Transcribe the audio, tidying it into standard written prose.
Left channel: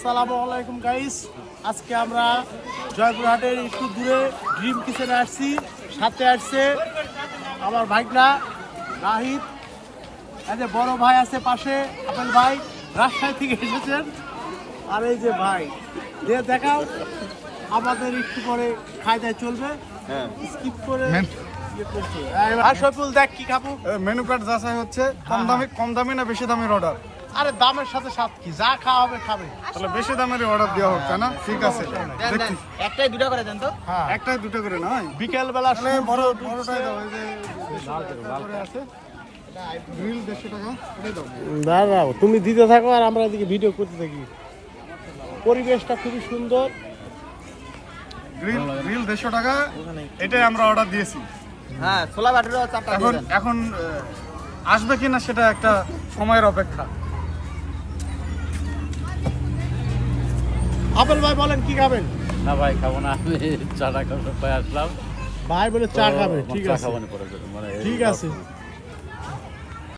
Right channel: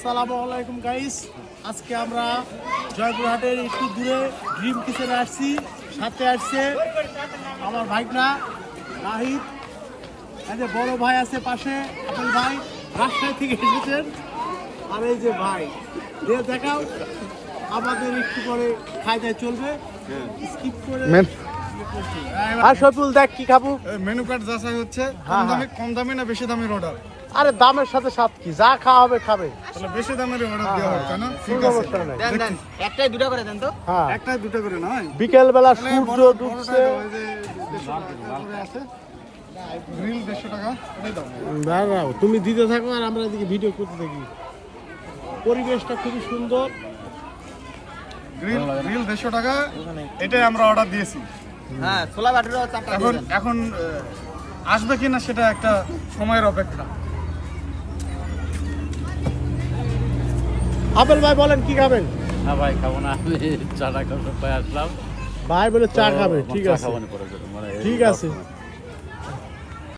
আসসালামু আলাইকুম গাইস, আজকে আমরা জয়পুরহাটের একটু দূরে ড্রিম কিচেনে আসছি। সাথে আসছে আমার ভাইরা রাহিদ, এই যে বড় ভাই আছে পাশে, আপেল ভাই রাজশাহী থেকে এসেছেন। আর এই যে ভাই দেখাও, আমাদের একটু পরে খাই দায় চলবে, স্কিপ করে সফুল দেখ কি খাবো। মেনু কার্ড যাচাই হচ্ছে, কম দামি না বেশি দামের অর্ডার? আরে দামের সাথে সাথ কি, যা খাওয়া হবে খাবে। তাহলে বেশি দামের অর্ডার দেওয়া হোক, তাই না? ঠিক আছে, একটাই দুটো করে দেন তো। একটা দুটো করে নয়, বিকেল বেলা বড়টাই দাও। এই যে আছে গ্রিল 150 টাকা, এটাই দাও। দাঁড়াও, তুমি দিতে থাকো আর আমরা এদিকে ভিডিও করতে থাকি। পরিবেশটা খুবই সুন্দর। গ্রিল 150 টাকা, এটাই আমরা অর্ডার দিয়েছি। হ্যাঁ, ছোলা বাটিরও চারটা দিয়ে দেন। এখন আসবে কিনা সেটা একটা সময়ের অপেক্ষা। আপেল ভাই বলেন কি খাবেন? না ভাই, খাবো না, আমি চাটা খাবো, আসলাম। ভাই বলে চা খাবে, ঠিক চা আছে খাবো না পরে, মানে ঠিক আছে।